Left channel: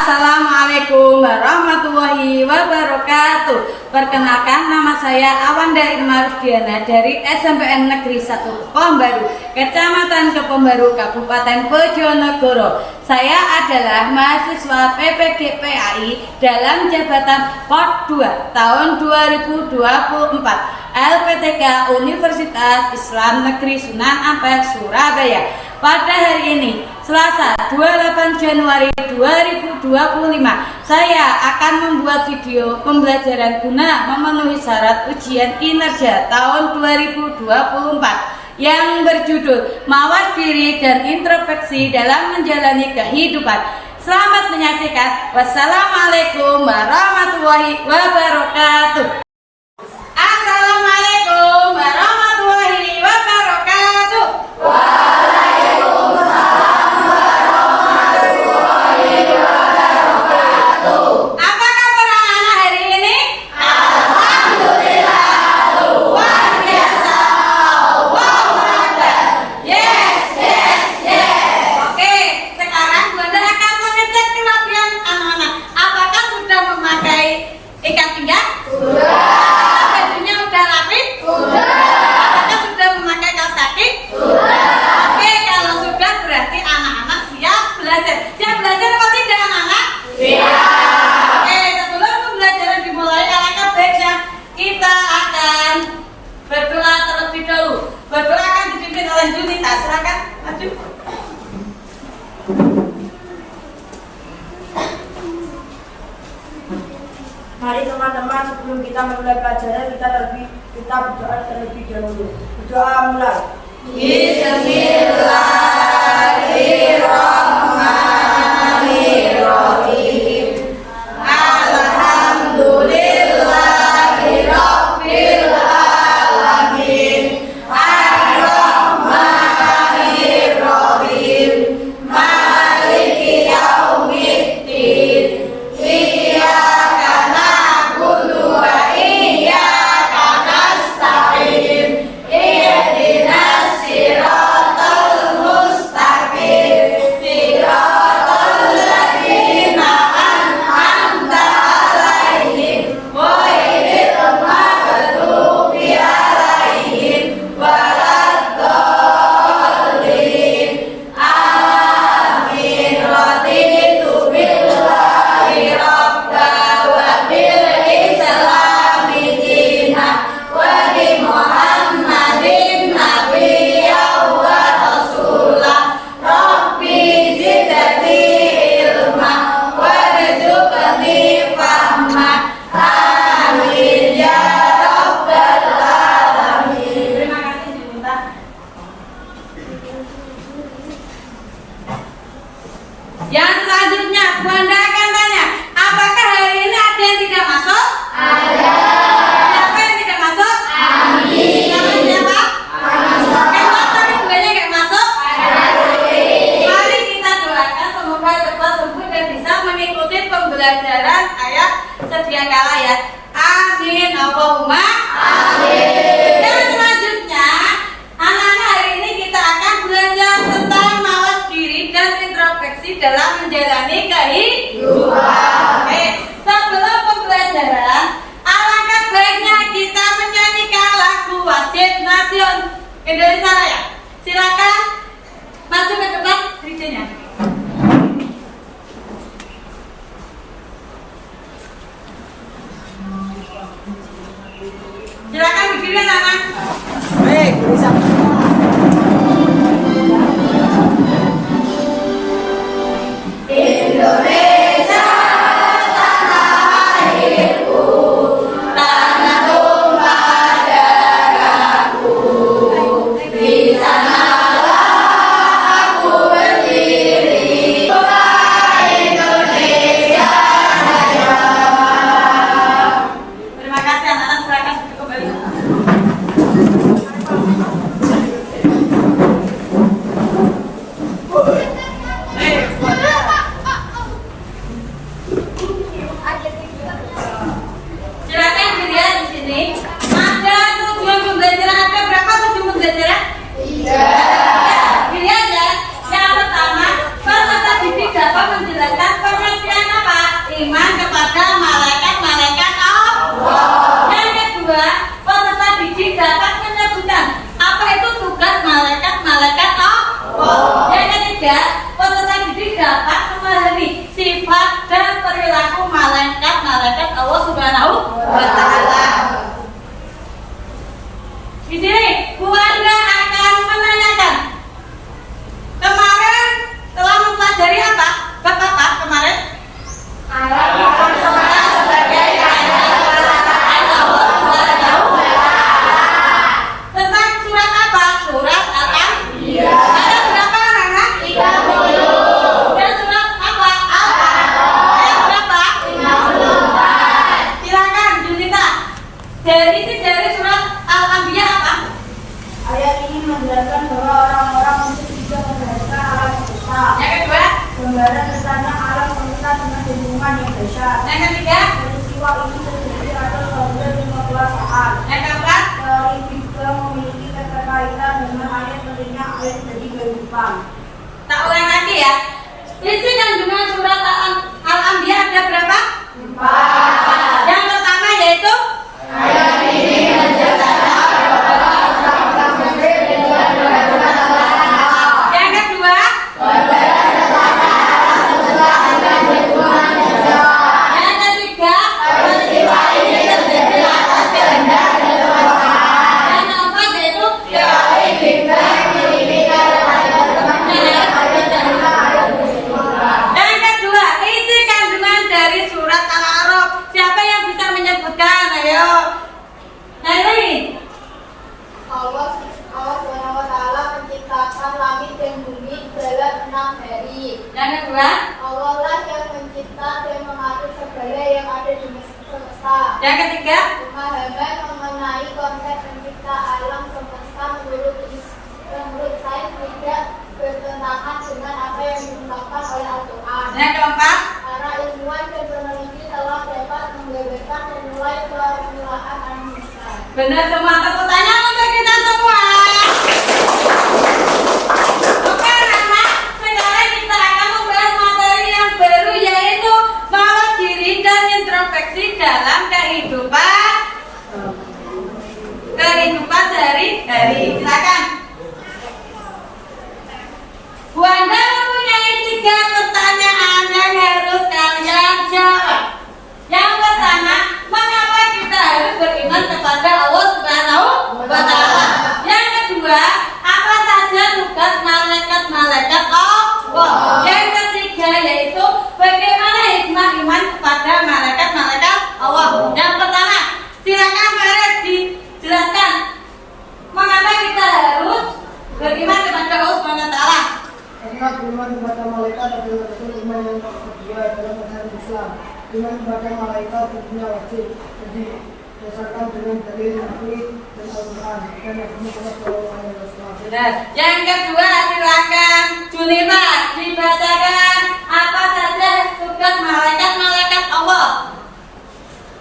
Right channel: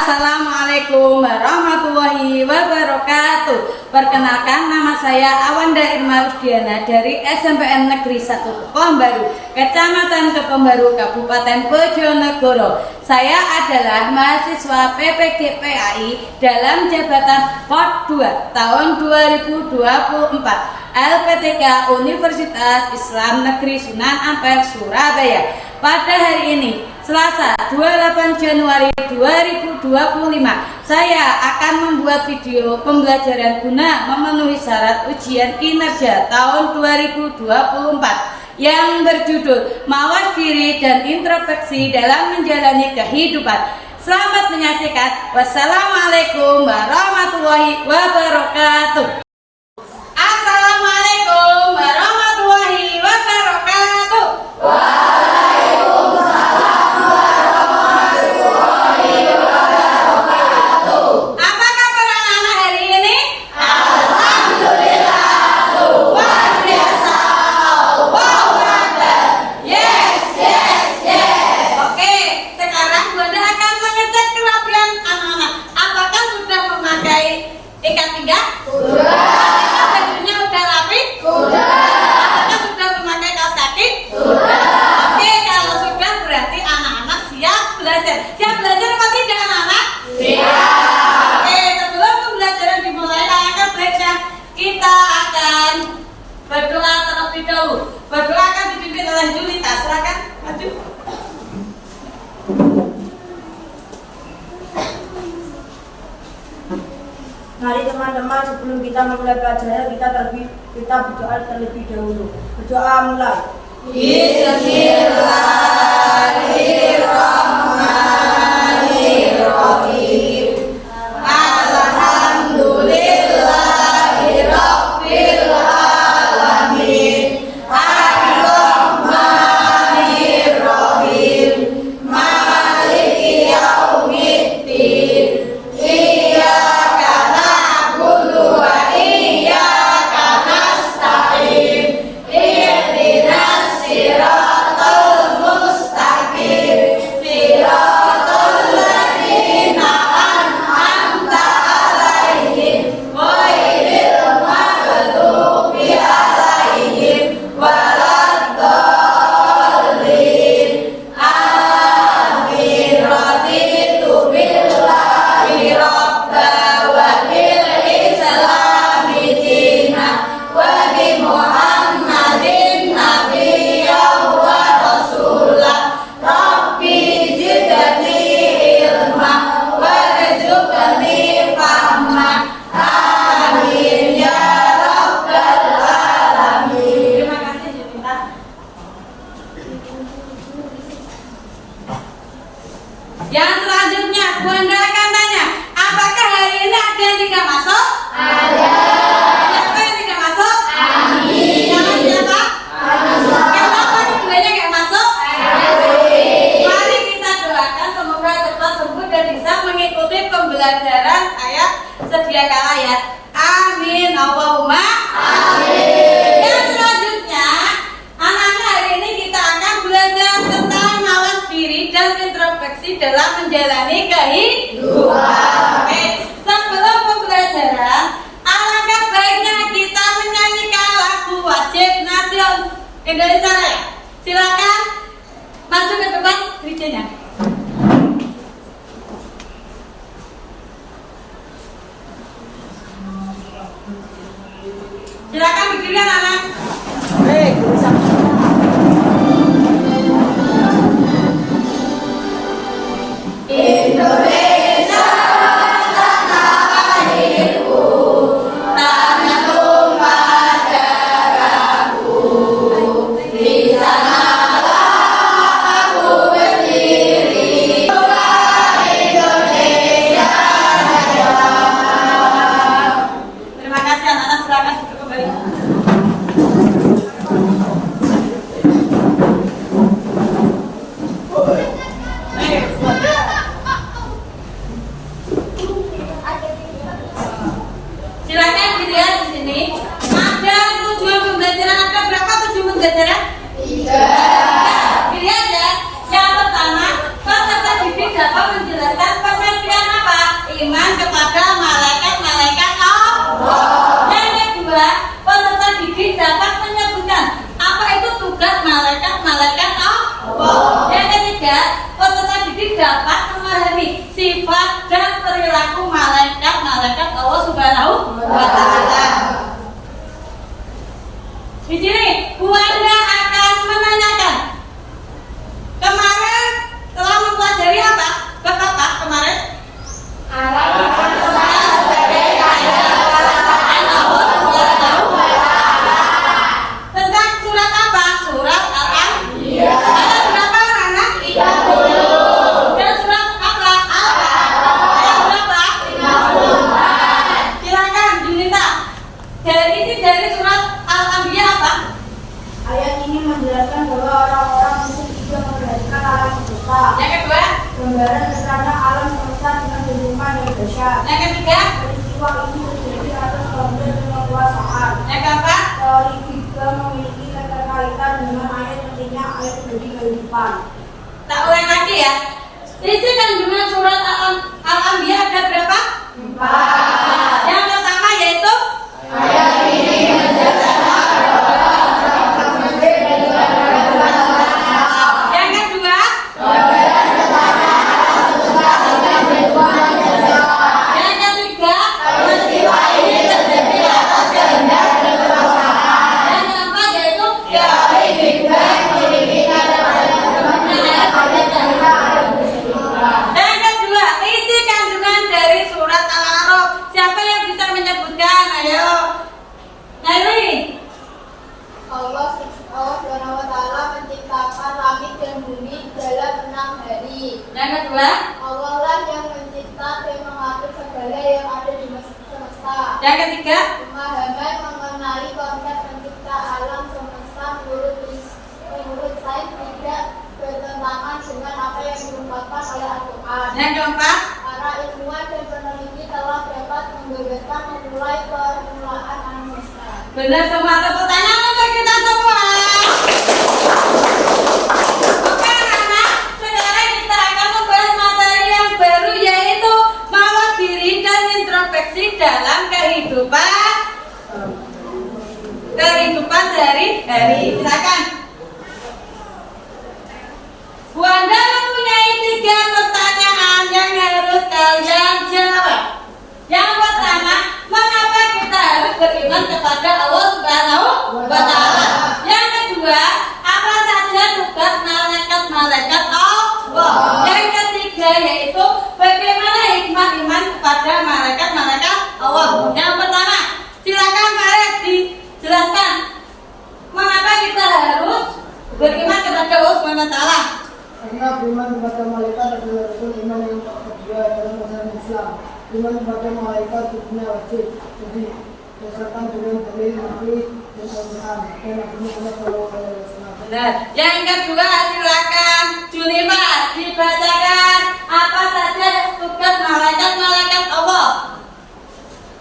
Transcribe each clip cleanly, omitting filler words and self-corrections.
Assalamualaikum warahmatullahi wabarakatuh. Perkenalkan, nama saya Awanda Irma Rusdiana dari SMPN Negeri 1 Kepombaru, Kecamatan Kepombaru, Kabupaten Bojonegoro. Saya adalah mahasiswa PPG PAI dalam jabatan POT 2 tahun 2024 LPTK Universitas Islam Negeri Sunan Ampel, Surabaya. Pada hari ini, Selasa 28 Januari 2025, saya akan membuat video pembelajaran guna memenuhi syarat ujian kinerja tahun 2024 yang berjudul Mawas Diri dan Introspeksi dalam Menjalani Kehidupan. Selamat menyaksikan. Wassalamualaikum warahmatullahi wabarakatuh. Assalamualaikum warahmatullahi wabarakatuh. Ikat pinggang? Sudah. Bajunya udah rapi? Sudah. Apakah sudah memakai kaos kaki? Sudah. Oke, kalau sudah berarti anak-anak siap belajar. Siap belajar apa tidak anak-anak? Siap. Oke, sebelum pembelajaran dimulai, alangkah baiknya kita akan berdoa terlebih dahulu. Berdoa akan dipimpin oleh Junita. Silakan maju. Mari teman-teman, sebelum kita memulai pelajaran kita berdoa terlebih dahulu. Berdoa mulai. Bismillahirrahmanirrahim. Alhamdulillahirabbil alamin. Ar-Rahmanirrahim. Maliki yaumiddin. Yang selanjutnya, Bunda akan tanya, apakah hari ini ada yang tidak masuk? Ada. Siapa yang tidak masuk? Amin. Siapa? Kenapa keduanya nggak masuk? Mari kita doakan semoga cepat sembuh dan bisa mengikuti pembelajaran ayat sedia kala ya. Amin. Allahumma amin. Yang selanjutnya, anak-anak, hari ini kita akan belajar tentang mawas diri dan introspeksi dalam menjalani kehidupan. Oke, sebelum pembelajaran, alangkah baiknya kita menyanyikan lagu wajib nasional Indonesia Raya. Silakan maju ke depan DJ-nya. Silakan berdiri anak-anak. Baik, Indonesia tanah airku, tanah tumpah darahku. Di sanalah aku berdiri. Indonesia Raya. Terima kasih anak-anak, silakan duduk kembali. Silakan dilihat di sini. Ada tujuan pembelajaran. Ada berapa tujuan pembelajaran? 3. Dilihat ya. Yang pertama, peserta didik dapat menjelaskan pengertian beriman kepada malaikat-malaikat Allah. Yang kedua, peserta didik dapat menyebutkan apa itu tugas malaikat-malaikat Allah. Yang ketiga, peserta didik dapat memahami sifat dan perilaku malaikat-malaikat Allah Subhanahu wa Ta'ala. Di sini Bu Anda akan menanyakan, kemarin telah mempelajari apa? Bab apa kemarin? Sebagai ayat perasaan Allah Subhanahu wa Ta'ala. Tentang surat apa? Surat Al-Anbiya. Ada berapa anak? 30. Dan surat apa? Ayat berapa? 54. Silakan Junita. Dari surat Al-Anbiya apa? Ayat ini menjelaskan bahwa orang-orang musyrik juga memperhatikan alam semesta. Yang kedua, Gambaran tentang alam semesta dengan kehidupan yang dahsyat. yang ketiga, Peristiwa ini terjadi atas kehendak dan kekuasaan. yang keempat, Teori juga memiliki keterkaitan dengan ayat pentingnya ayat menjadi kehidupan. tak ulang lagi ya. Isi kandungan surat Al-Anbiya ada berapa? 4. Yang pertama yaitu yang kedua, yang ketiga, yang keempat yaitu yang kedua, isi kandungan dari surat Al-A'raf. Siapa yang bisa menyebutkan? Ayo. Nari. Allah Subhanahu wa Ta'ala menciptakan langit dan bumi dalam 6 hari. Yang kedua, Allah lah yang mencipta dan mengatur segala yang ada di semesta. yang ketiga, Pemahaman mengenai konsep pencipta alam semesta menurut sains tidak bertentangan dengan apa yang diungkapkan oleh Al-Quran. yang keempat, Para ilmuwan dan peneliti telah dapat menggambarkan memulai permulaan alam semesta. benar semua. Tepuk tangan untuk kita semua. Oke anak-anak, sekarang kita akan membahas materi yang baru yaitu merawat diri dan introspeksi dalam kehidupan sehari-hari. Silakan. Bu Anda mempunyai 3 pertanyaan yang harus kalian jawab. Yang pertama, mengapa kita harus beriman kepada Allah Subhanahu wa Ta'ala? Yang kedua, apa saja tugas malaikat-malaikat Allah? Yang ketiga yaitu bagaimana hikmah iman kepada malaikat-malaikat Allah. Yang pertama, silakan Pak Red dijelaskan mengapa kita harus beriman kepada Allah Subhanahu wa Ta'ala. Karena beriman kepada malaikat adalah rukun iman yang kedua dalam mazhab Islam. Iman kepada malaikat hukumnya wajib, jadi berdasarkan dengan dalil Nabi dan Al-Quran dan Nabi Muhammad SAW. Benar. Yang kedua, silakan Junima dibacakan apa saja tugas malaikat-malaikat Allah.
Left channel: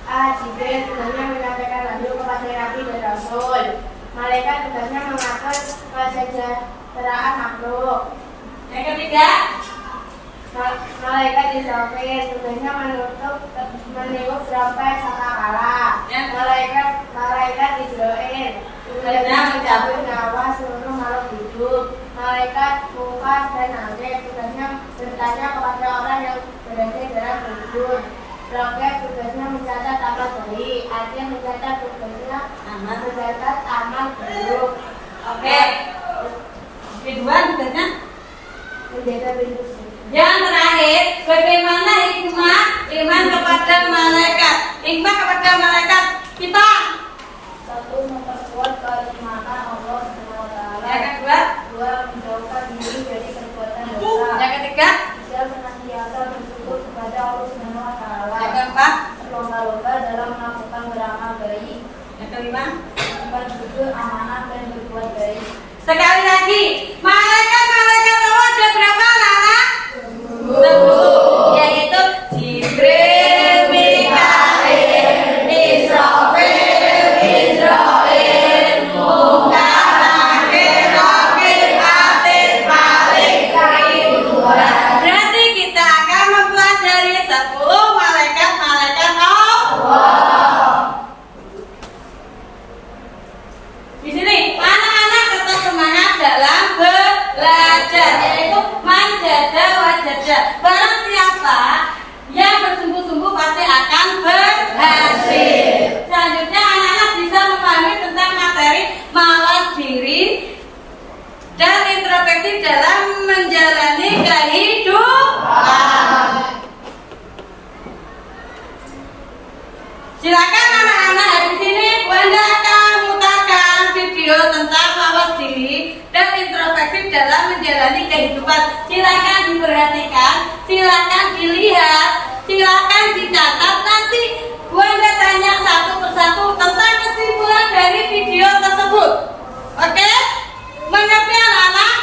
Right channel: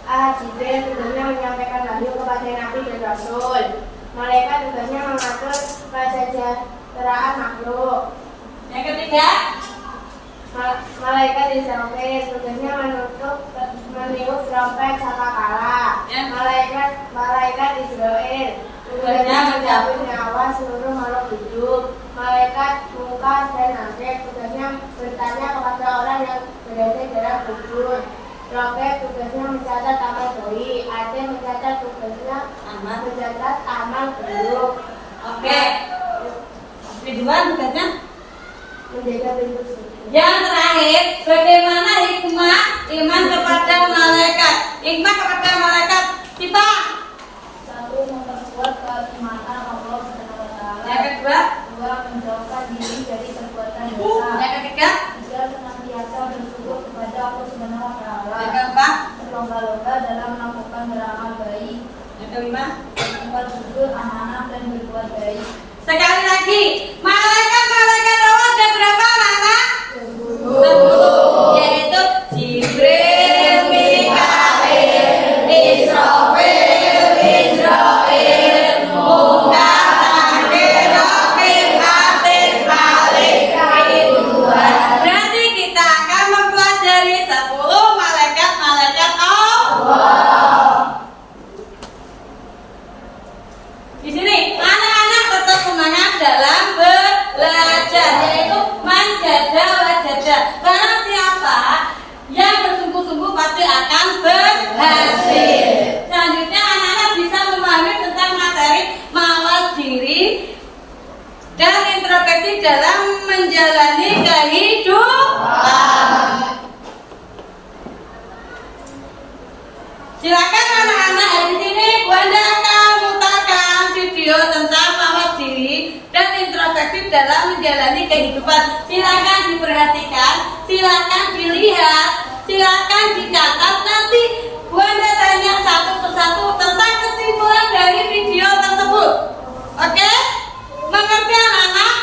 Jibril tugasnya menyampaikan wahyu kepada Nabi dan Rasul. Malaikat tugasnya mengatur kesejahteraan makhluk. Yang ketiga, Malaikat Israfil tugasnya meniup trompet sangkakala. Malaikat Israel tugasnya mencabut nyawa seluruh makhluk hidup. Malaikat Munkar dan Nakir tugasnya bertanya kepada orang yang berada dalam kubur. Roket tugasnya mencatat amal baik. Akhir mencatat tugasnya mencatat amal buruk. oke. Ridwan tugasnya. Menjaga pintu surga. Yang terakhir, bagaimana hikmah iman kepada malaikat? Hikmah kepada malaikat kita. 1. Memperkuat kenikmatan Allah Subhanahu wa Ta'ala. Yang kedua, 2. Menjauhkan diri dari perbuatan dosa. yang ketiga, 3. Senantiasa bersyukur kepada Allah Subhanahu wa Ta'ala. yang keempat, Berlomba-lomba dalam melakukan beramal baik. yang kelima. 4. Jujur, amanah dan berbuat baik. Sekali lagi, malaikat-malaikat Allah ada berapa anak? 10. Yaitu Jibril, Mikail, Israfil, Munkar, Nakir, Raqib, Atid, Malik, Ridwan. Berarti kita akan mempelajari 10 malaikat dalam menjalani kehidupan. Silakan diperhatikan, silakan dilihat, silakan dicatat. Nanti Bu Anda tanya satu persatu tentang kesimpulan dari video tersebut. Oke? Mengerti anak-anak?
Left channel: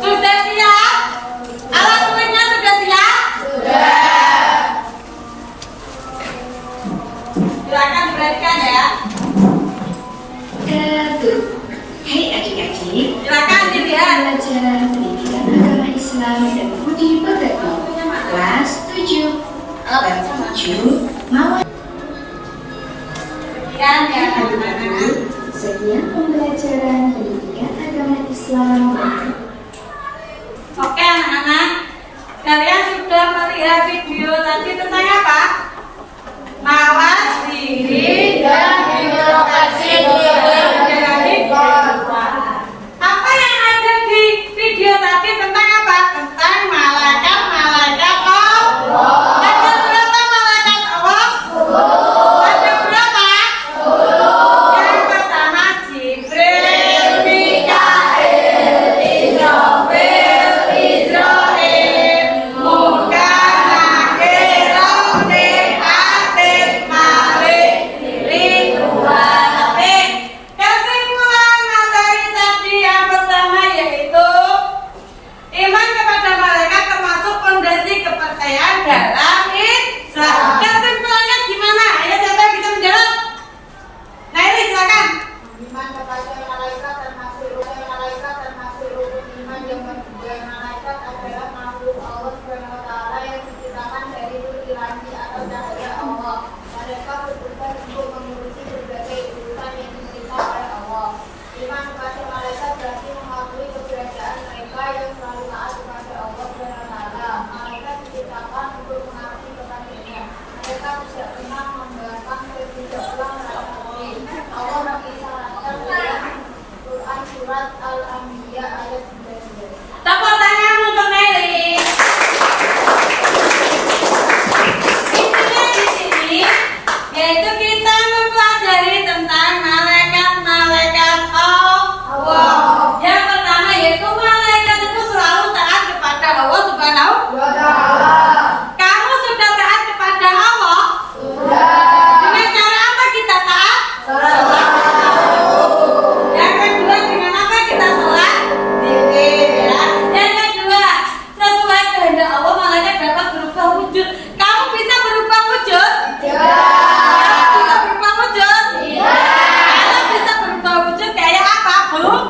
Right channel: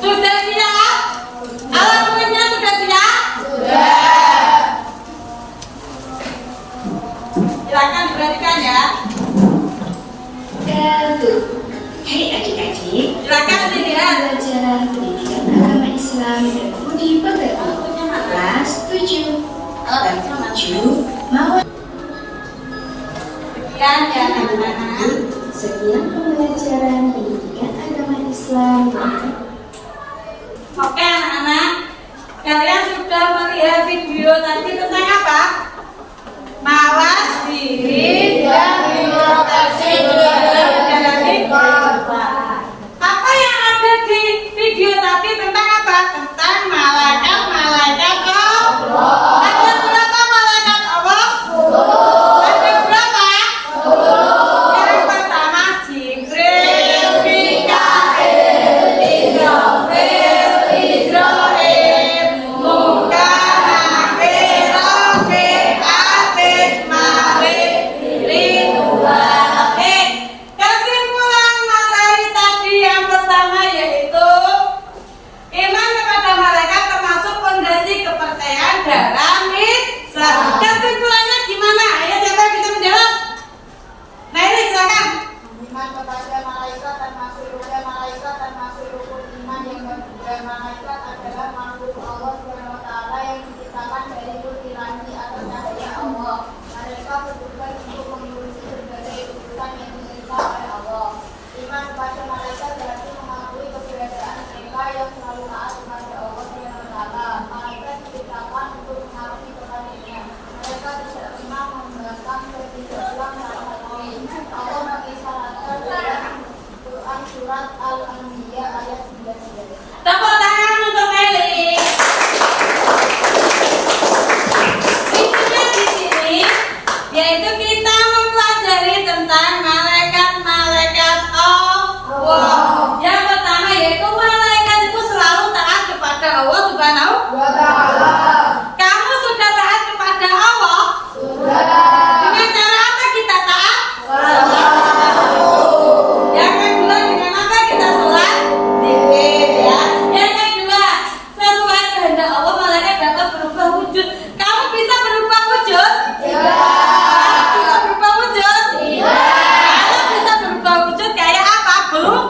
Sudah siap? Alat tulisnya sudah siap? Silakan diperhatikan ya. Hai adik-adik, Silakan dilihat. pelajaran pendidikan agama Islam dan budi pekerti kelas 7 bab 7 Mawar. Sekian ya anak-anak. Sekian pembelajaran pendidikan agama Islam. Oke anak-anak, kalian sudah melihat video tadi tentang apa? Mawas diri dan inovasi apa yang ada di video tadi tentang apa? Tentang malaikat Allah. Ada berapa malaikat Allah? Ada berapa? Yang pertama Jibril, Mikail, Israfil, Munkar, Nakir, Atik, Malik, Lilin, Atik. Kesimpulan materi tadi yang pertama yaitu iman kepada malaikat termasuk fondasi kepercayaan dalam Islam. Kesimpulannya gimana? Ayo siapa yang bisa menjawab? Nah ini silakan. Iman kepada malaikat termasuk rukun iman yang ketiga. Malaikat adalah makhluk Allah SWT yang diciptakan dari nur ilahi atau cahaya Allah. Mereka bertugas untuk mengurusi berbagai urusan yang diterima oleh Allah. Iman kepada malaikat berarti mengakui keberadaan mereka yang selalu taat kepada Allah SWT. Malaikat diciptakan untuk mengabdi kepadanya. Mereka tidak pernah membangkang ketidakpuan terhadap Allah mengisyaratkan dalam Quran surat Al-Anbiya ayat 19. Tepuk tangan untuk Nelly. Intinya di sini yaitu kita mempelajari tentang malaikat Allah. Yang pertama yaitu malaikat itu selalu taat kepada Allah Subhanahu wa Ta'ala. Kamu sudah taat kepada Allah? Dengan cara apa kita taat? Yang kedua dengan apa kita sholat? Zikir ya. Yang kedua sesuai kehendak Allah malaikat dapat berubah wujud. Kamu bisa berubah wujud? Kamu bisa berubah wujud? Kalau bisa berubah wujud kayak apa? Belum?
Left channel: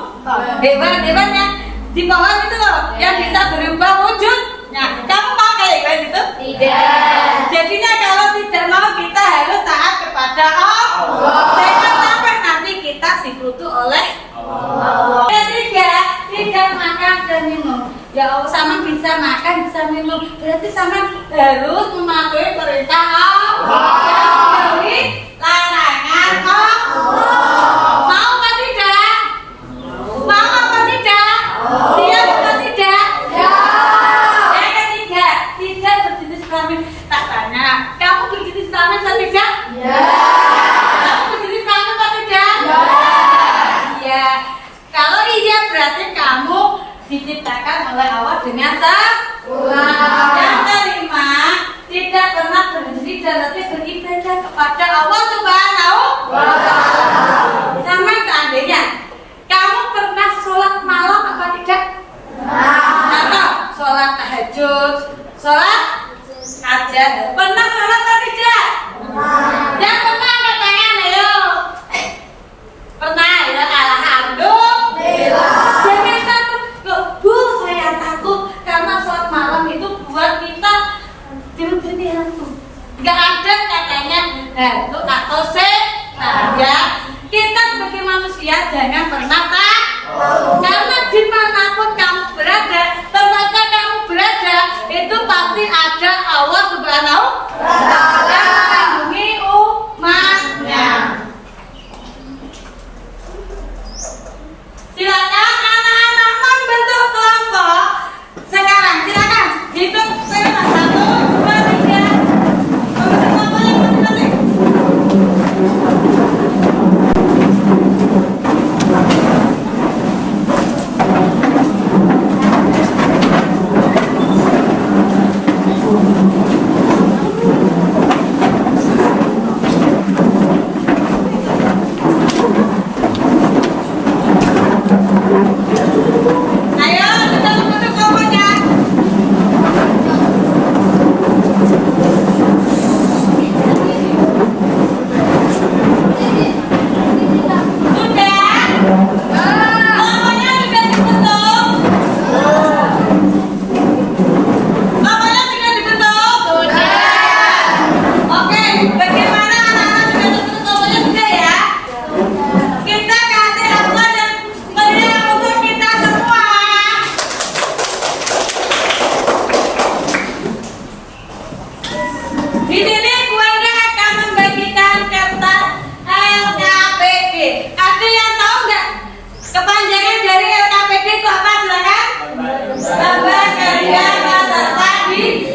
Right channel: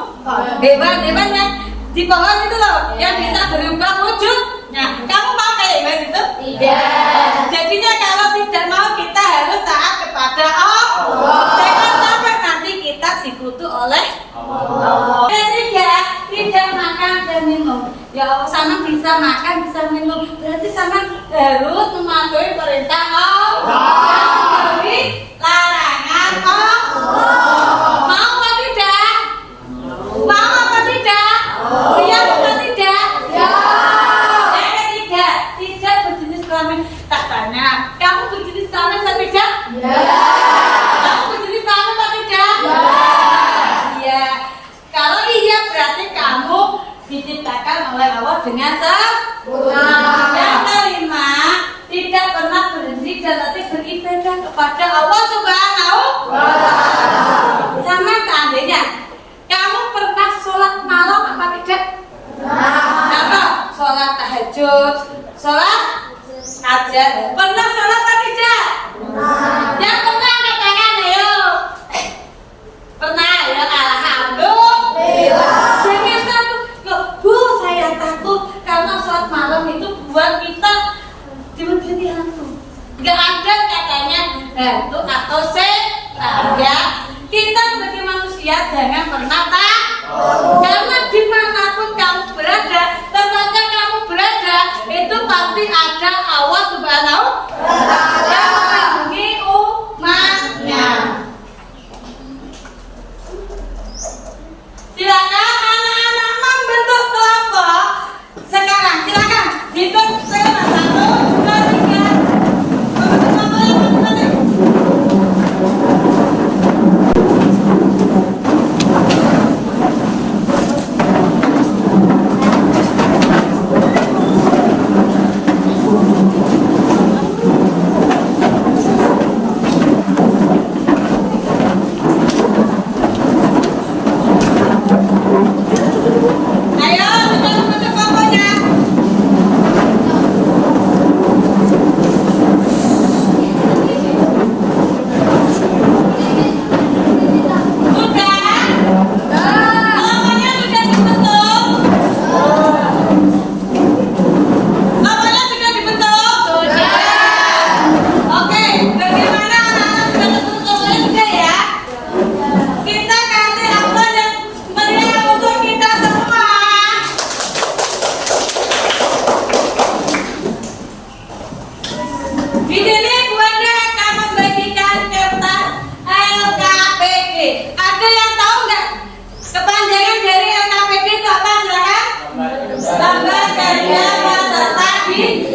Hewan ya di pohon itu loh yang bisa berubah wujud. Nah, kamu mau kayak hewan itu? Tidak. Jadinya kalau tidak mau kita harus taat kepada Allah. Jangan sampai nanti kita dikutuk oleh Allah. Ketiga, tidak makan dan minum. Ya Allah, sama bisa makan bisa minum. Berarti sama harus mematuhi perintah Allah. Menjauhi larangan Allah. Mau apa tidak? Mau apa tidak? Siap atau tidak? Yang ketiga, tidak berjenis kelamin. Tak tanya, kamu berjenis kelamin atau tidak? Kamu berjenis kelamin atau tidak? Iya. Kalau iya berarti kamu diciptakan oleh Allah dengan sempurna. Yang kelima, tidak pernah berhenti dalam beribadah kepada Allah Subhanahu wa Ta'ala. Sama seandainya kamu pernah sholat malam apa tidak? Atau sholat tahajud, sholat hajat, pernah sholat apa tidak? Yang pernah angkat tangan, ayo. Pernah ya, alhamdulillah. Jangan takut, loh, Bu, saya takut karena sholat malam itu buat kita diundi hantu. Gak ada katanya hantu atau setan ya. Kita sebagai manusia jangan pernah takut. Karena dimanapun kamu berada, tempatnya kamu berada, itu pasti ada Allah Subhanahu wa Ta'ala yang melindungi umatnya. Silakan anak-anak membentuk kelompok. Sekarang silakan hitung 1, 2, Ayo, tutup kompornya. Sudah? Kompornya sudah dibentuk? Kompornya sudah dibentuk? Oke, bagaimana anak-anak sudah terbentuk kompornya sudah ya? Kita kasih Allah dan meriah untuk kita semua. Di sini Bu Anda akan membagikan kertas LKPD. Ada yang tahu nggak kepanjangan dari LKPD itu apa? Silakan. Lembar kerja peserta didik.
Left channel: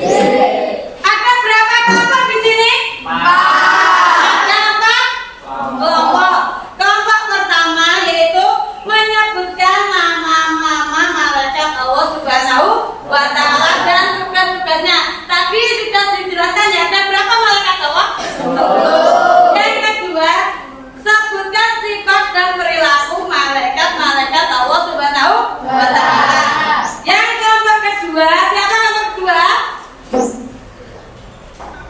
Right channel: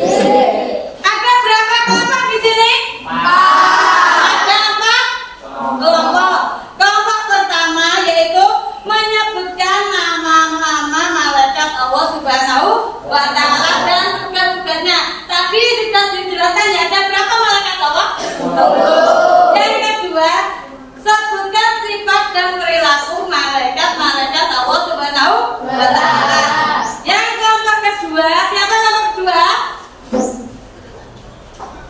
Ada berapa kelompok di sini? Ada 4 kelompok. Kelompok pertama yaitu menyebutkan nama-nama malaikat Allah Subhanahu wa Ta'ala dan tugas-tugasnya. Tadi sudah dijelaskan ya, ada berapa malaikat Allah? 10. Yang kedua, sebutkan sifat dan perilaku malaikat Allah Subhanahu wa Ta'ala. Yang kelompok kedua, siapa kelompok kedua?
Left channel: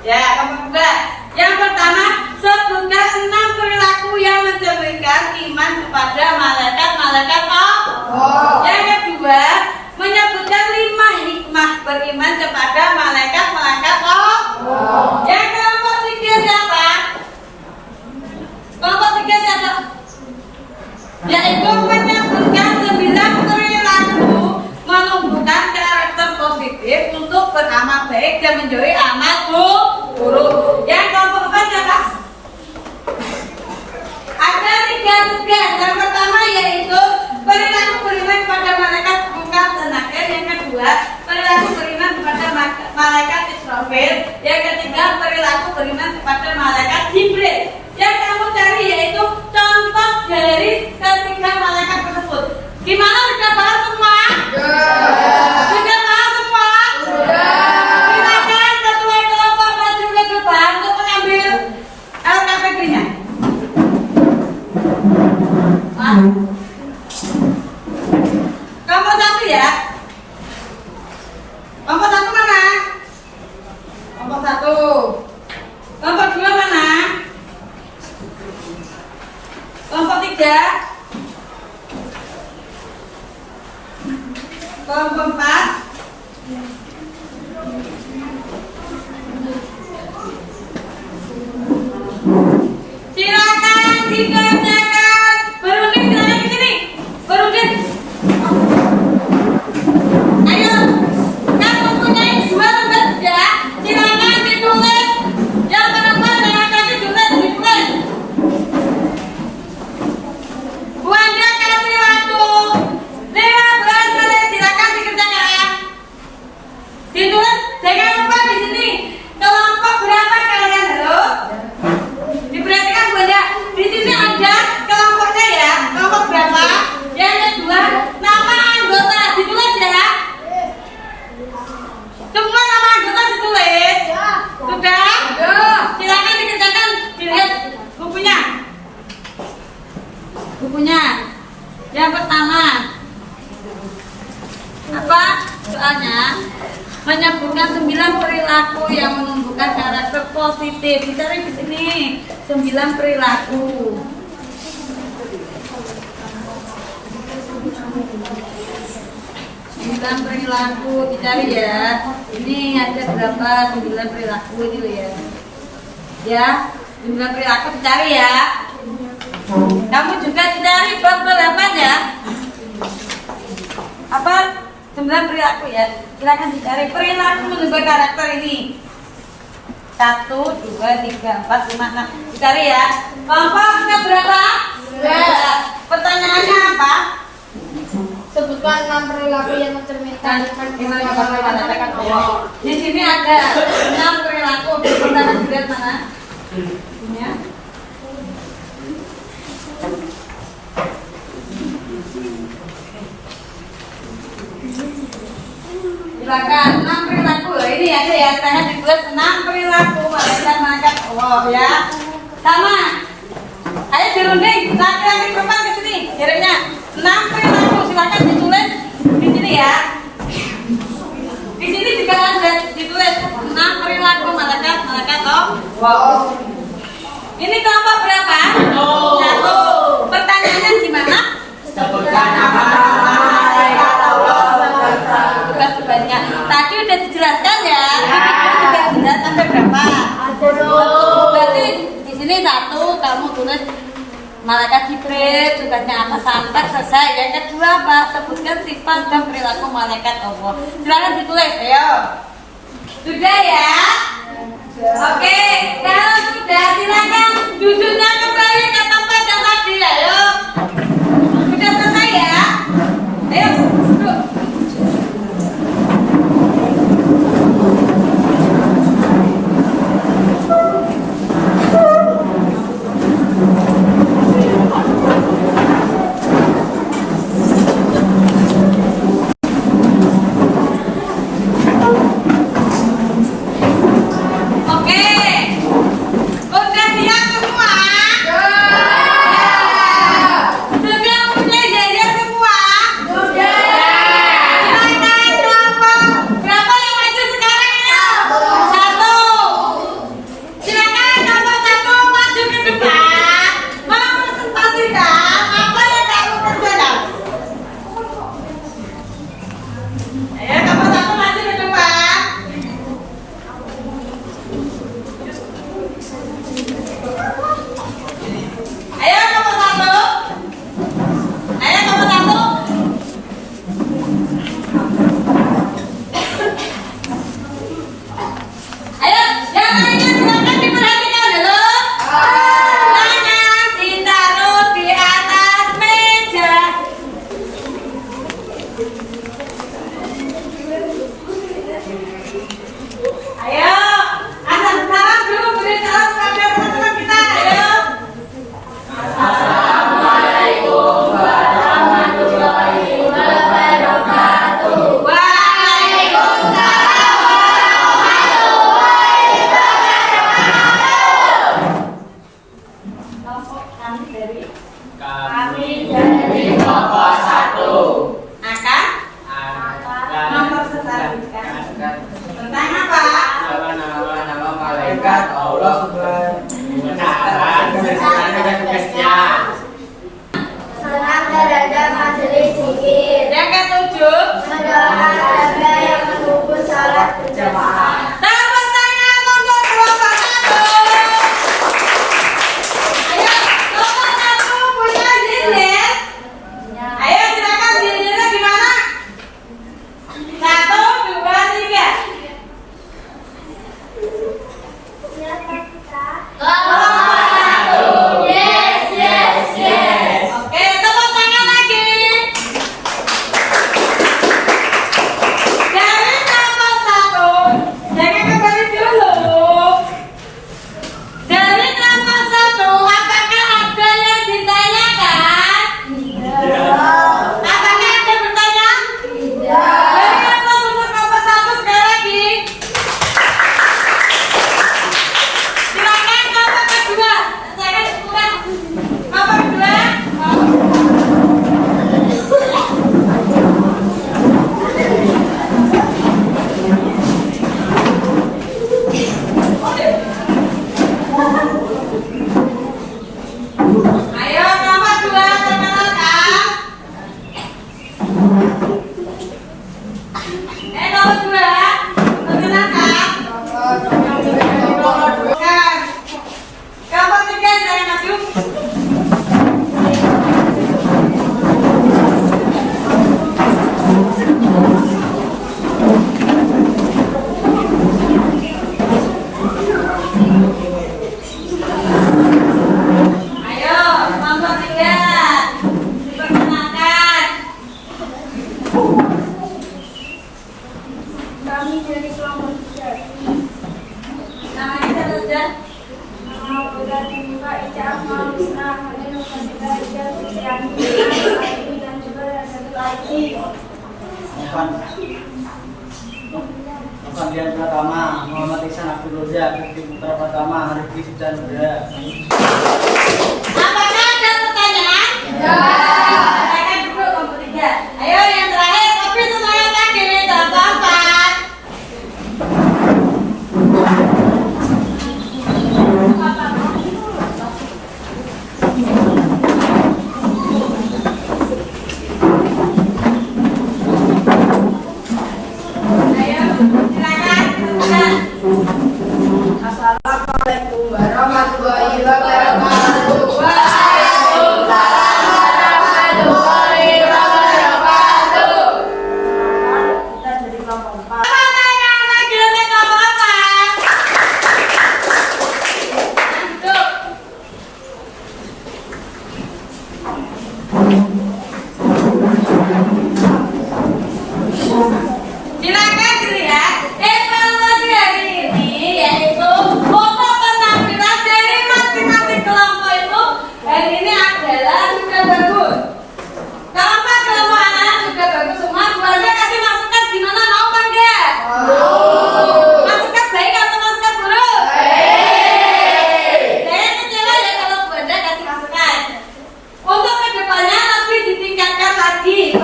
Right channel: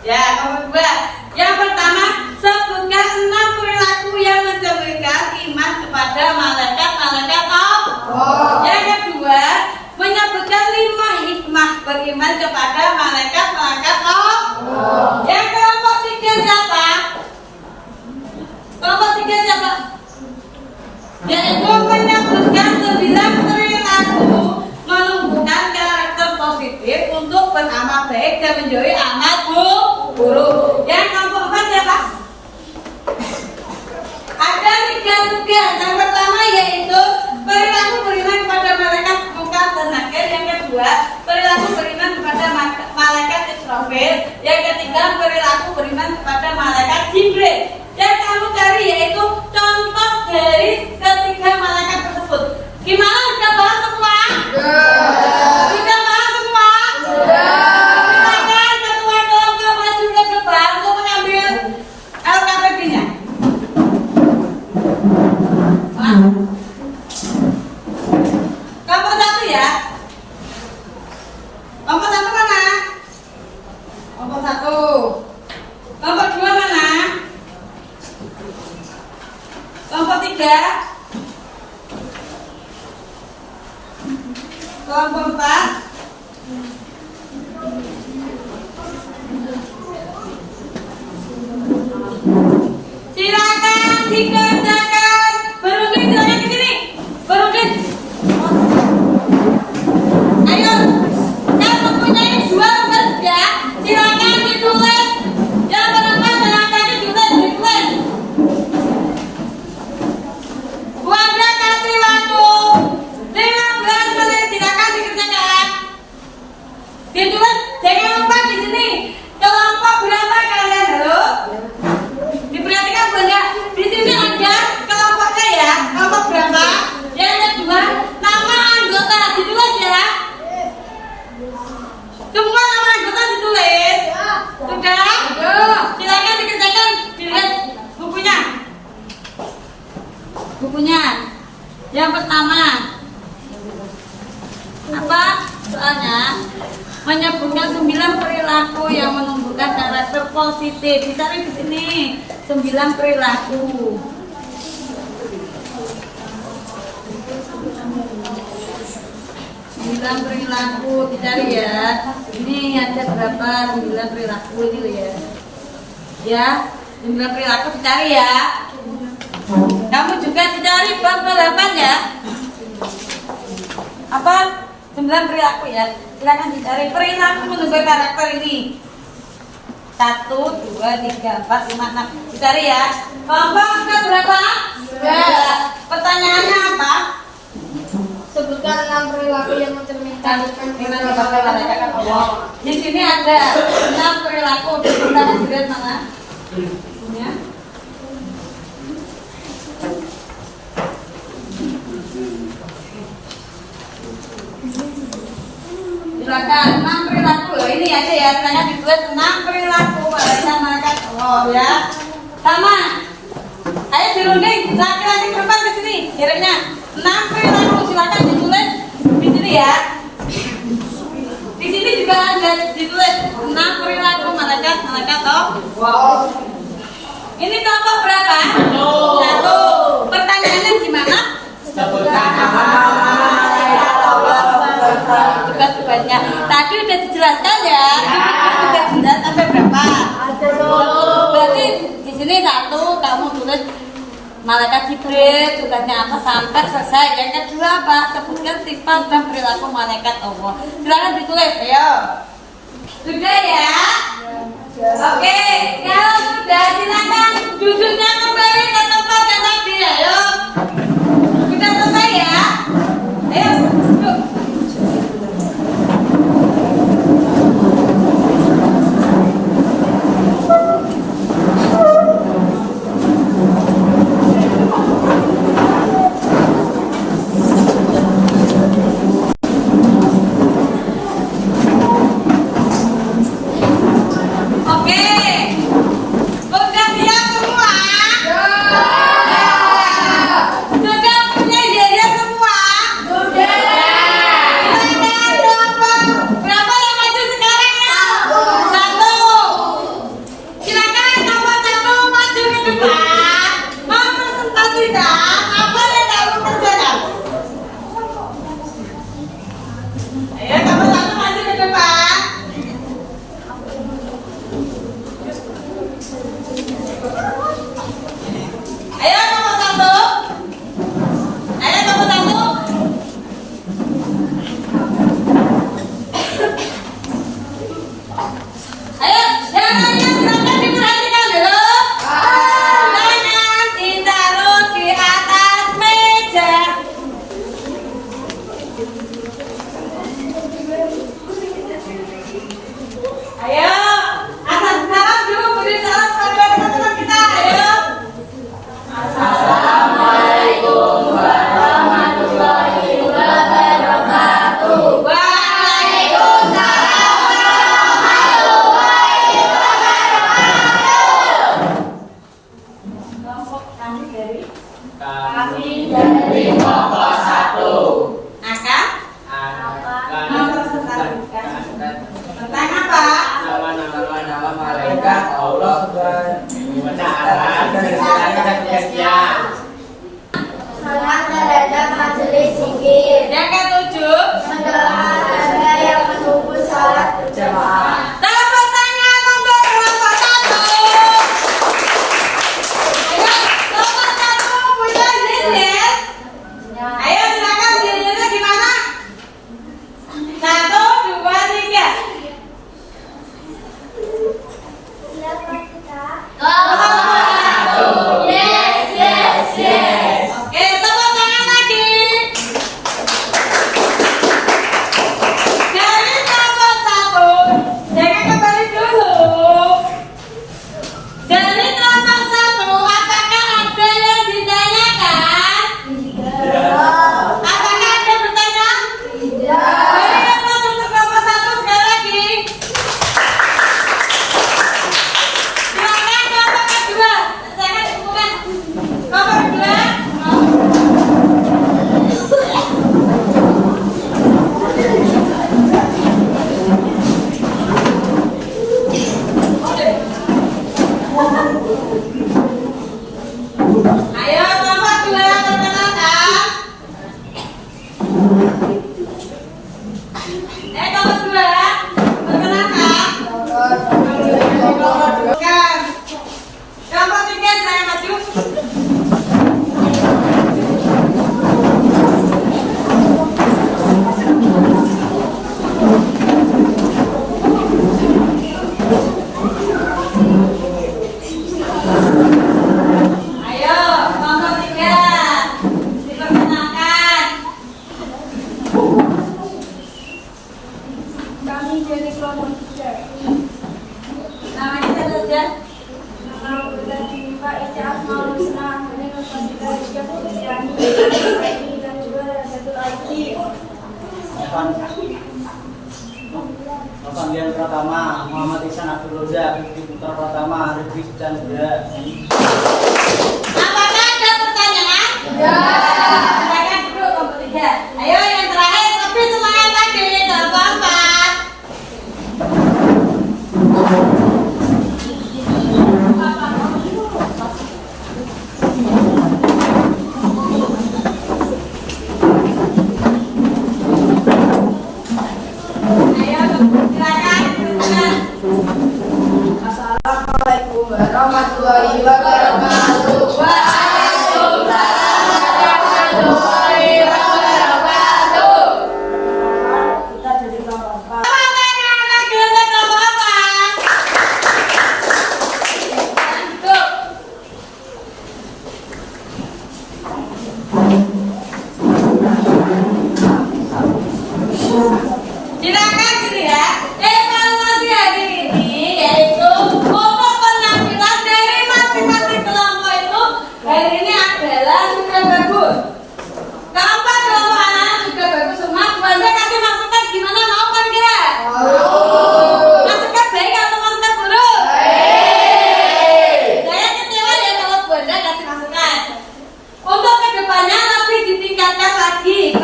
Ya, kelompok kedua. Yang pertama, sebutkan 6 perilaku yang mencerminkan iman kepada malaikat-malaikat Allah. Yang kedua, menyebutkan 5 hikmah beriman kepada malaikat-malaikat Allah. Yang kelompok 3 siapa? Kelompok 3 siapa? Yaitu menyebutkan 9 perilaku menumbuhkan karakter positif untuk beramal baik dan menjauhi amal buruk. Yang kelompok 4 siapa? Ada 3 tugas. Yang pertama yaitu perilaku beriman kepada malaikat Munkar dan Nakir. Yang kedua, perilaku beriman kepada malaikat Israfil. Yang ketiga, perilaku beriman kepada malaikat Jibril. Yang kamu cari yaitu contoh dari ketiga malaikat tersebut. Gimana, sudah paham semua? Sudah paham semua? Silakan ketua kelompok maju ke depan untuk mengambil LKPD-nya. Kelompok 1 ya. Kelompok 1 mana? Kelompok 1. Kelompok 2 mana? Kelompok 3. Kelompok 4. Silakan dikerjakan. Berunding, silakan ke sini. Berunding. Ayo. Kan mempunyai 2 tugas ya. Silakan ditulis. Yang perempuan saya kasih ditulis. Bu Anda kasih waktu 15 menit. Silakan dikerjakan. Ditulis. Jangan lupa di sini. Kelompok berapa kalian? Halo? Diperhatikan Bu Anda. Di sini ada kelompoknya ya. Kelompok berapa? Yang kedua, nama anggota ditulis ya. Semua nama anggota ditulis. Sudah? Silakan dikerjakan. Dilihat bukunya. Bukunya. Yang pertama, apa soalnya? Menyebutkan 9 perilaku yang menumbuhkan karakter positif. Dicari di sini 9 perilaku. 9 perilaku dicari ya. Ini ada berapa? 9 perilaku ini loh ya. Ya, 9 perilaku dicari ya. Kamu juga dicari bab 8 ya. Apa? 9 perilaku ya. Silakan dicari perilaku menumbuh karakter ini. 1, 2, 3, 4, 5, 6. Dicari ya. Kelompok berapa? 11. Pertanyaannya apa? Sebutkan 6 perilaku yang mencerminkan iman kepada malaikat Allah. Di sini ada 6 perilaku. Kita lihat mana? Ya. Silakan 6 perilaku. Ini aja ya. Saya ditulis 6 perilaku malaikat Allah ya. Sama. Ayo dirunding. Laki-laki perempuan ke sini. Jaraknya 6 perilaku. ya. Di sini juga ada ditulis tentang perilaku malaikat toh. Wow. Ini kelompok berapa? Satu. Pertanyaannya gimana? Sebutkan nama-nama malaikat Allah beserta Tugas-tugasnya. Tadi udah dijelaskan ya. Udah jelas ada berapa? Berarti di sini satu kamu tulis malaikat Jibril tugasnya apa sampai selesai. Yang kedua apa? Sebutkan sifat dan perilaku malaikat Allah. Silakan ditulis, ayo. Sudah ya? Oke, kalau sudah silakan duduknya kembali ke tempat yang tadi, ayo. Sudah selesai ya? Ayo, duduk. Oke. Udah siap semua? Sudah punya ijazah semua? Silakan berapa yang maju sekarang ya? Satu. Silakan nomor satu maju ke depan. Mau presentasikan apa yang kamu kerjakan? Ayo nomor satu maju ke depan. Ayo nomor satu. Ayo nomor satu. Ayo, yang lainnya silakan diperhatikan dulu. Tangan ditaruh di atas meja. Ayo, asal salam dulu, beri salam kepada teman-teman kita. Ayo. Assalamualaikum warahmatullahi wabarakatuh. Waalaikumsalam warahmatullahi wabarakatuh. Kelompok kami dari Kami dari kelompok 1 Aka tentang apa? nama malaikat Allah benar beserta tugasnya. Senang terhadap majelis zikir. Yang ketujuh, Mendoakan warga yang menunggu sholat berjamaah. tepuk tangan untuk kelompok satu. Ayo, kelompok satu punya zikir. Ayo silakan zikirnya di mana? 1, 2, 3. Kelompok satu. Yes, yes, yes. Oke, tepuk tangan lagi. Dari kelompok satu, jangan kembali dulu. Dari kelompok satu, apakah ada yang ditanyakan? Apakah ada yang bertanya? Beri aplaus untuk kelompok satu sekali lagi. Silakan kelompok kedua. Saya bukan kelompok kedua. Ayo kelompok dua perkenalkan. Kelompok dua perkenalkan. Bukan. Kelompok tiga jangan maju. Ayo, kelompok tiga diperkenalkan. Kami dari kelompok 3. Namanya siapa saja? Nama berarti Pak Ica Asmaul Husna, Hanya Nufasita Rijal Kristiani, dan juga Rajatul Aziz. Novan Dian Pratama, Muhammad Ihsan Abdul Roza, Fikri Putra Pratama, Rifki Chandra. Apakah ada pertanyaan? Ya. Silakan duduk kelompok tiga. Ayo yang terakhir, tapi semuanya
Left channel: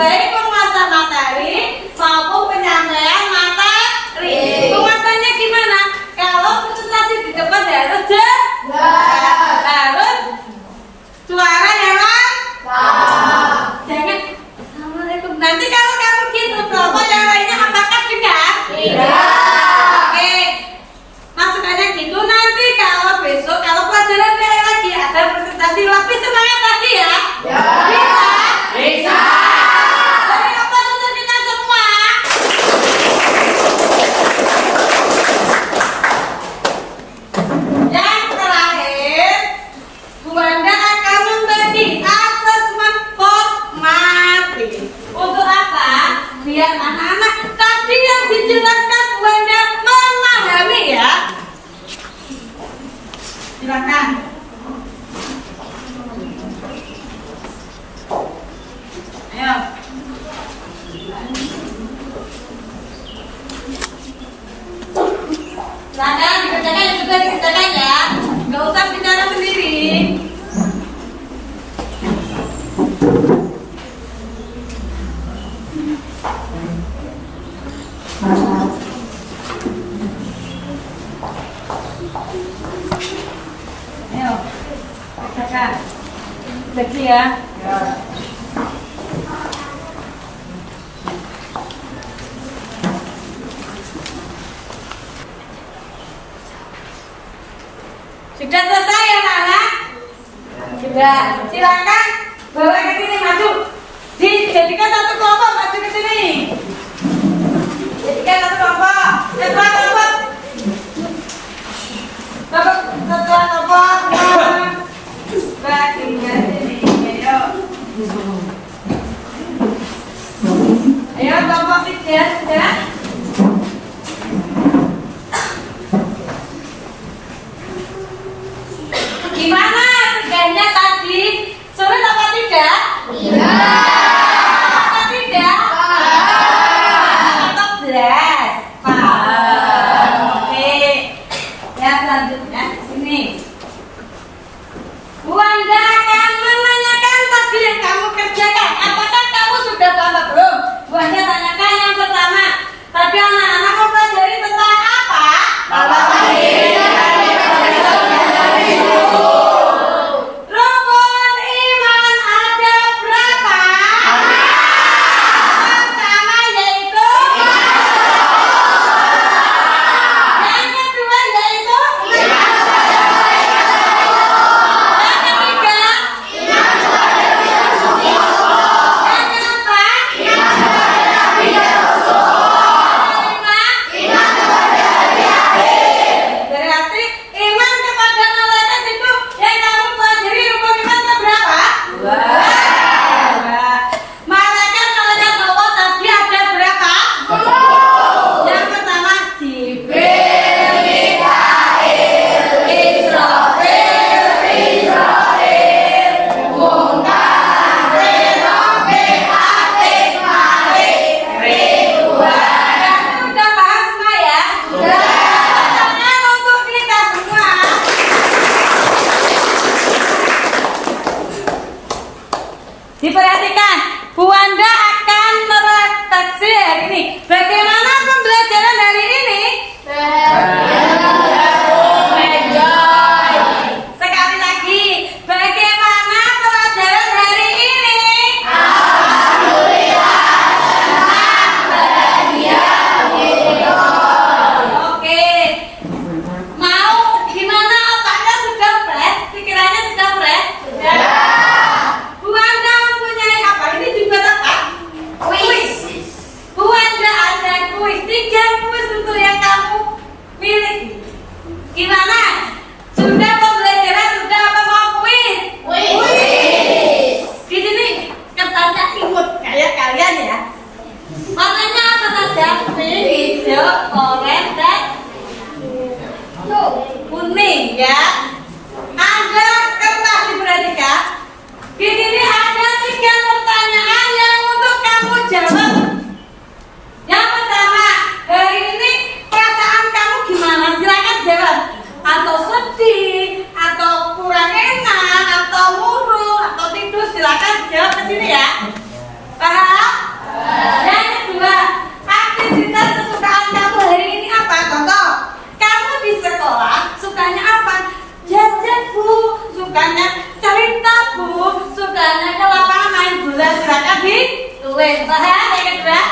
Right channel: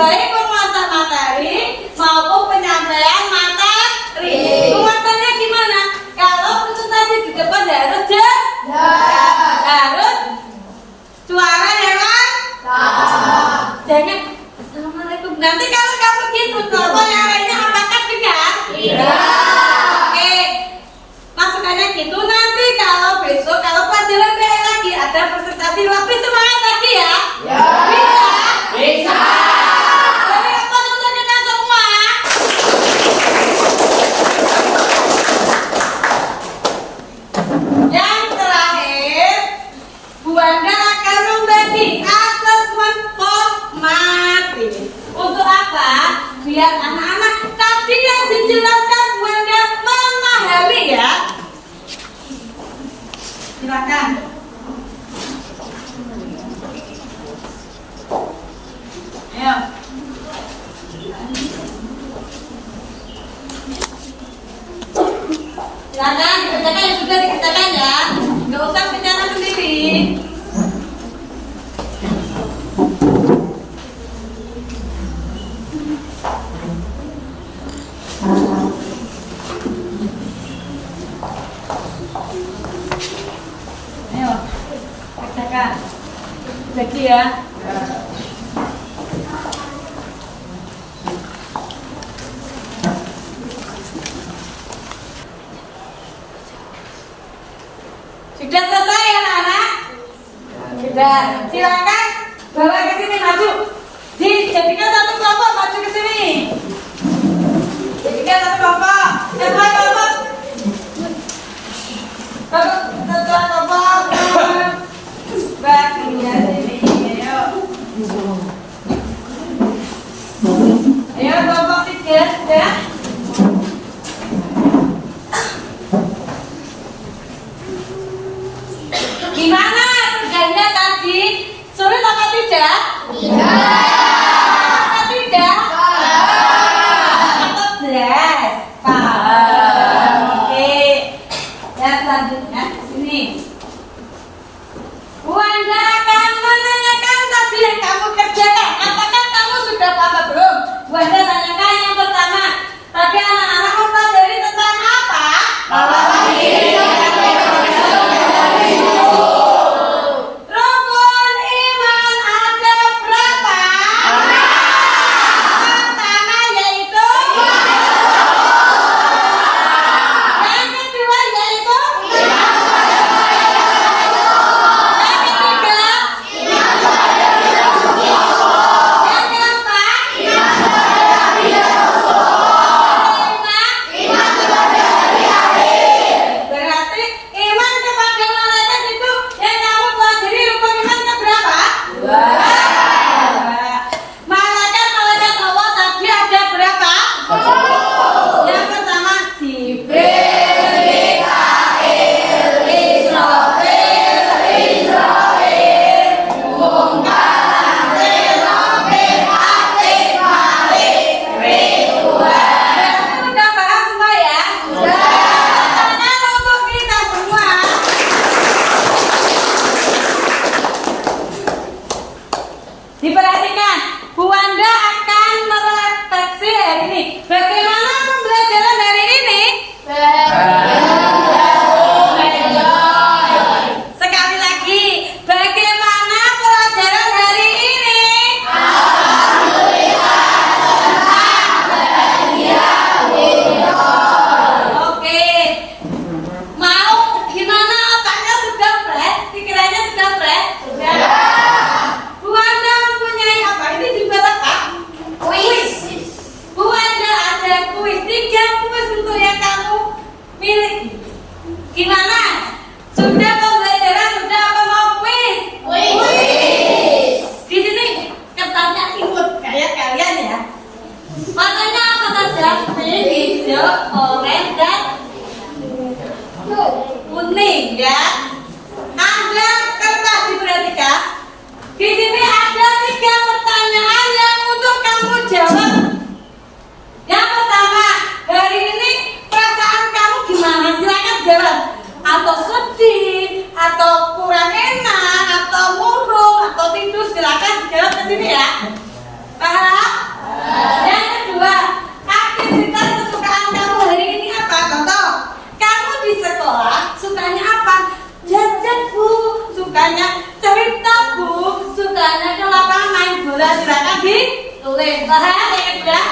baik penguasa materi maupun penyampaian materi. Penguasanya gimana? Kalau presentasi di depan harus harus suara yang jangan assalamualaikum. Nanti kalau kamu gitu, kalau yang lainnya apakah dengar? Oke, masukannya gitu. Nanti kalau besok kalau pelajaran kayak lagi ada presentasi lebih semangat lagi ya. Bisa. Tapi apa untuk kita semua? Yang terakhir, Bu Banda akan membagi asesmen formatif. Untuk apa? Biar anak-anak tadi yang dijelaskan Bu Banda memahami ya. Silakan. Ayo. Silakan dikerjakan yang sudah dikerjakan ya. Nggak usah bicara sendiri. Ayo, kerjakan. Lagi ya. Sudah selesai ya anak-anak? Sudah. Silakan bawa ke sini, maju. Dijadikan satu kelompok, maju ke sini. Jadikan satu kelompok. Coba kelompok. Bapak setelah kelompok. Baginya ini, ayo. Ayo kelompok 3 sudah. Gimana kerjanya tadi? Sulit apa tidak? Apa tidak? Atau belas? Paham. Oke. Ya selanjutnya sini. Bu Anda akan menanyakan tadi yang kamu kerjakan. Apakah kamu sudah paham belum? Bu Anda tanyakan yang pertama. Tapi anak-anak mau pelajari tentang apa? Rukun iman ada berapa? Pertama yaitu yang kedua yaitu yang ketiga yang keempat berarti iman kepada malaikat itu yang kamu pelajari rukun iman keberapa? Dua. Malaikat Allah tadi ada berapa? Yang pertama Jibril, Mikail, Israfil, Munkar, Nakir, Atid, Malik, Ridwan. Sudah paham semua ya? Pertanyaan untuk kita semua. Diperhatikan, Bu Wanda akan merefleksi hari ini. Bagaimana pembelajaran hari ini? Sekali lagi, bagaimana pelajaran hari ini? Oke. Mau gimana? Otaknya sudah fresh? Pikirannya sudah fresh? Bu Wanda mempunyai apa? Ini dibuat apa? Kuis. Bu Wanda ada kuis. 3 kuis untuk yang kamu miliki. Gimana? Sudah pembelajaran? Sudah apa mau kuis? Di sini kertasnya imut kayak kalian ya. Warnanya apa saja? Pink, hijau, oranye, dan kuning ya. Ada kertas diperhatikan. Di sini ada 3 pertanyaan yang untuk kamu jawab. Yang pertama, hari ini perasaan kamu gimana? Silakan jawab. Atau sedih, atau kurang enak, atau murung, atau tidur. Silakan jawab ke sini ya. Paham? Paham yang kedua?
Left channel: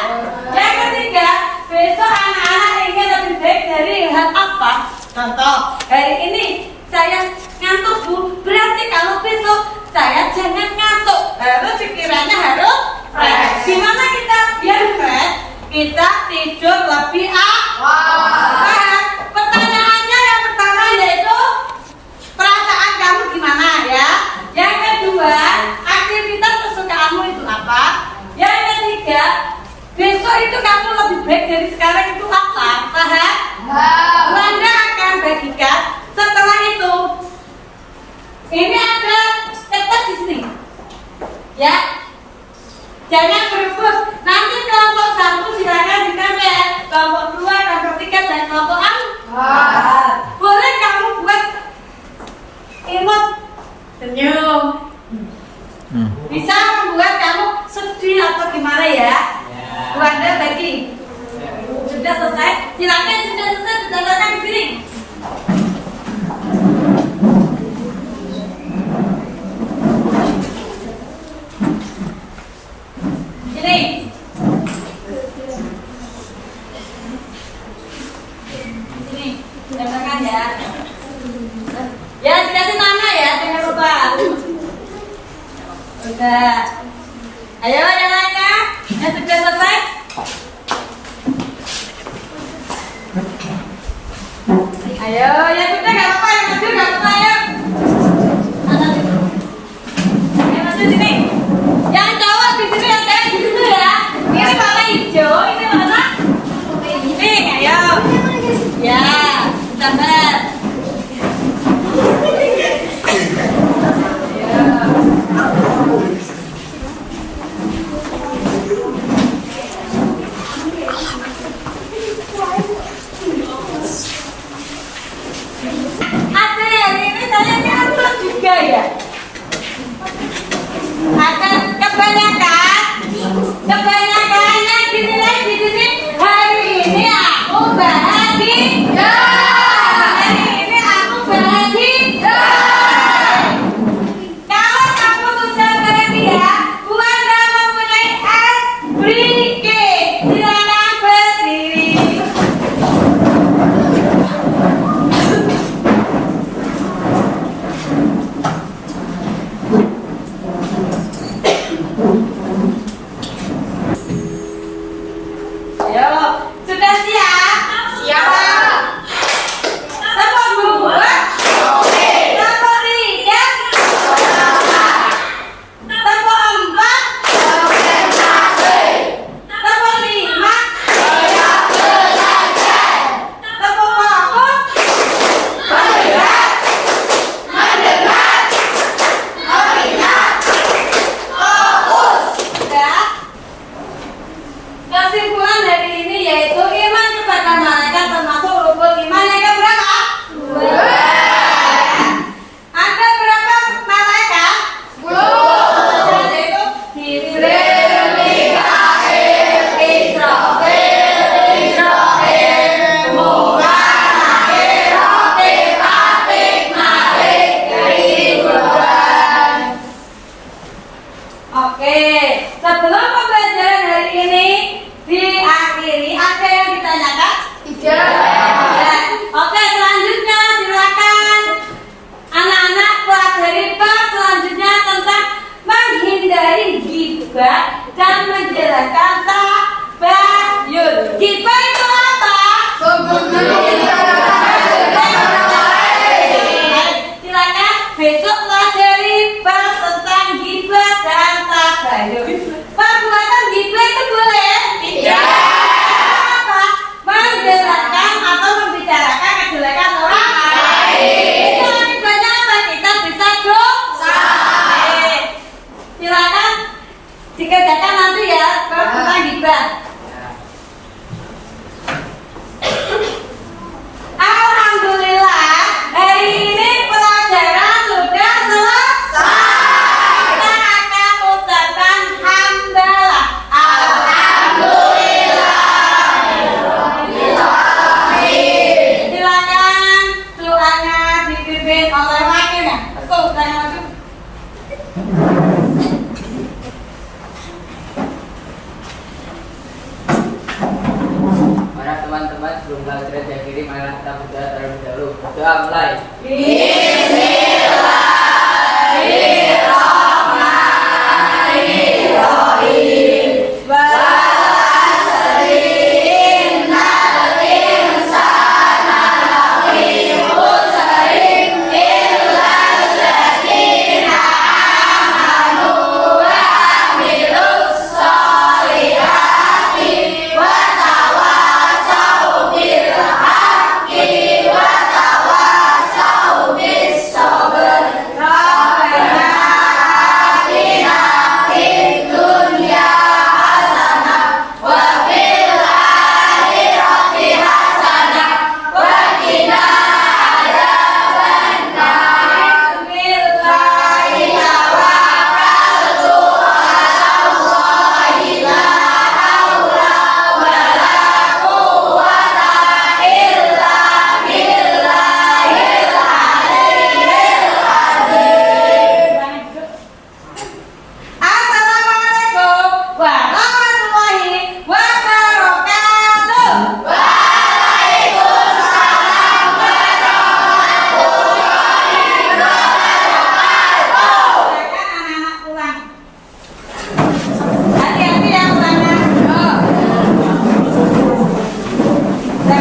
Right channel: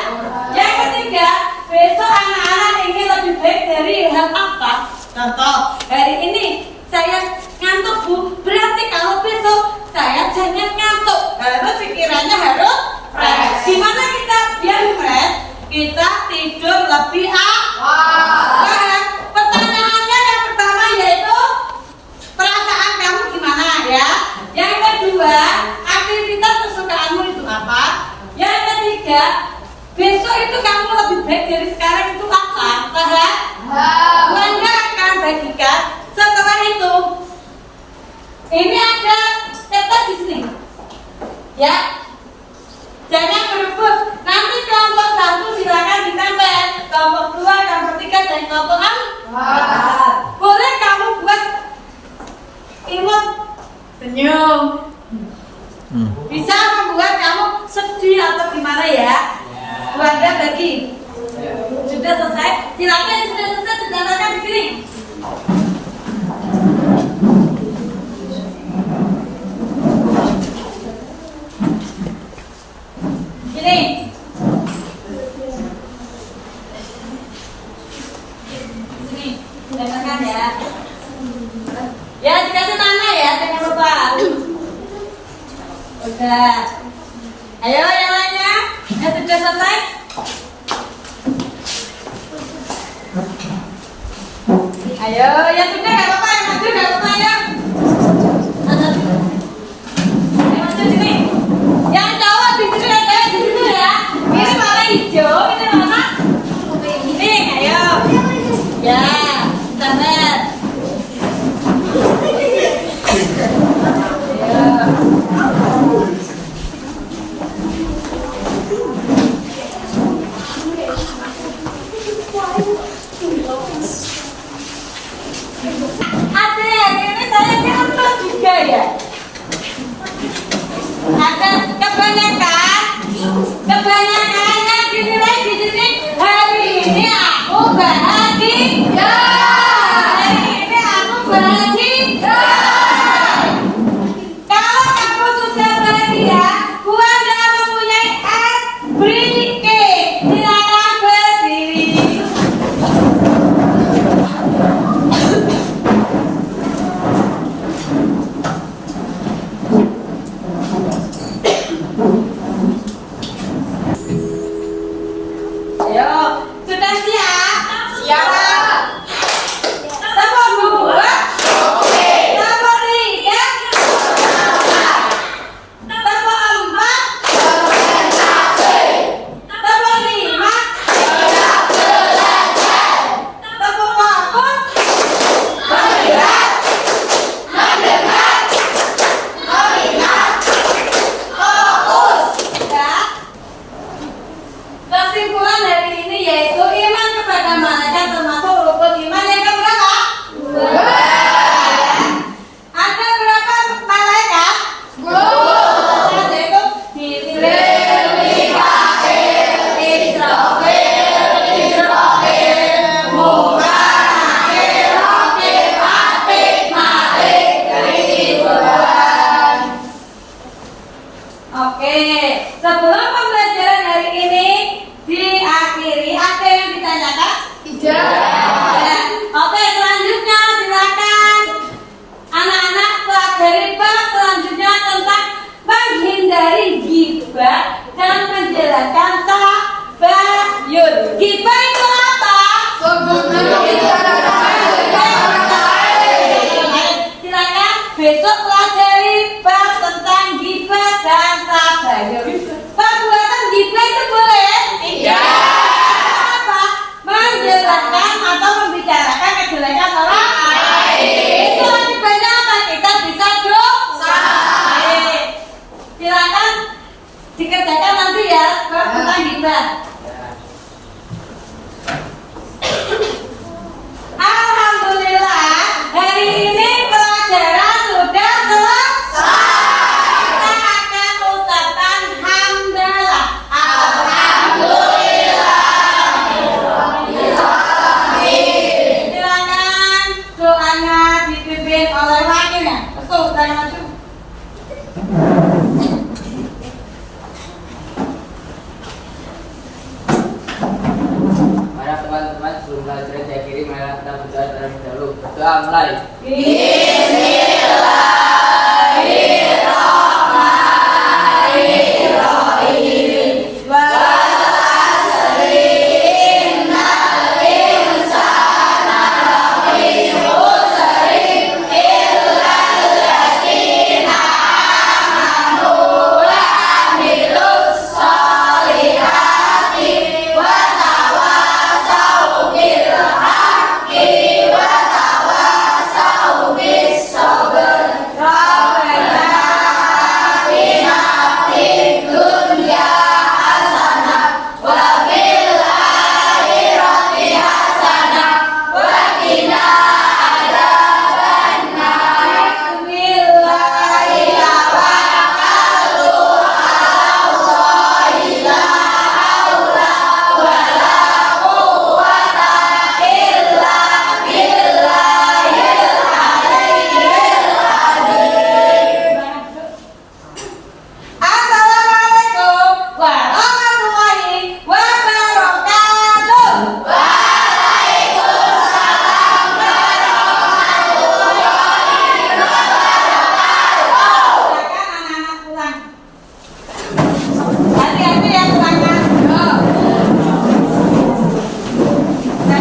Yang ketiga, besok anak-anak ingin lebih baik dari hal apa? Contoh, hari ini saya ngantuk Bu, berarti kalau besok saya jangan ngantuk. Harus pikirannya harus fresh. Gimana kita biar fresh? Kita tidur lebih awal. Pertanyaannya yang pertama yaitu perasaan kamu gimana ya? Yang kedua, aktivitas kesukaanmu itu apa? Yang ketiga, besok itu kamu lebih baik dari sekarang itu apa? Paham? Wanda akan bagikan setelah itu. Ini ada kertas di sini, ya. Jangan berebut. Nanti kelompok 1 silakan ditempel, kelompok 2, kelompok 3 dan kelompok 4. Boleh kamu buat imut senyum. Bisa membuat kamu sedih atau gimana ya? Wanda bagi. Sudah selesai? Silakan sudah selesai, sudah datang di sini. Ini. Sini, datangkan ya. Ya, dikasih nama ya, jangan lupa. Udah. Ayo yang lainnya. Sudah selesai? Ayo, ya sudah nggak apa-apa, yang maju nggak apa-apa ya. Yang maju sini. Yang cowok di sini ada di situ ya. Ini warna hijau, ini warna pink. Ayo. Ya, sabar. Ya. Akan kebanyakannya dinilai di sini hari ini aku bahagia. Hari ini aku bahagia. Kalau kamu sudah bahagia, Wanda mempunyai es brike. Silakan berdiri. Ayo, sudah siap? Siap. Telepon membuat? Telepon lihat? Telepon 4? Telepon 5? Telepon fokus? Mendengar? Kesimpulan dari ini yaitu iman kepada malaikat termasuk rukun iman yang keberapa? 2. Ada berapa malaikat? 10. Yaitu Jibril, Mikail, Israfil, Munkar, Nakir, Atid, Malik, Ridwan. Oke, sebelum pembelajaran hari ini diakhiri, ada yang ditanyakan? Tidak. Ya. Oke, selanjutnya silakan anak-anak pelajari bab selanjutnya tentang menghindari ghibah dan menjelaskan tabayun. Ghibah itu apa? Silakan besok pelajari bab tentang ghibah dan tabayun. Perbuatan ghibah itu boleh? Tidak. Apa? Menjelaskan atau membicarakan kejelekan orang lain. Itu akibatnya apa? Kita bisa dosa. Silakan dikerjakan nanti ya tentang ghibah. teman-teman sebelum pelajaran diakhiri, marilah kita berdoa terlebih dahulu. Berdoa mulai. Bismillah.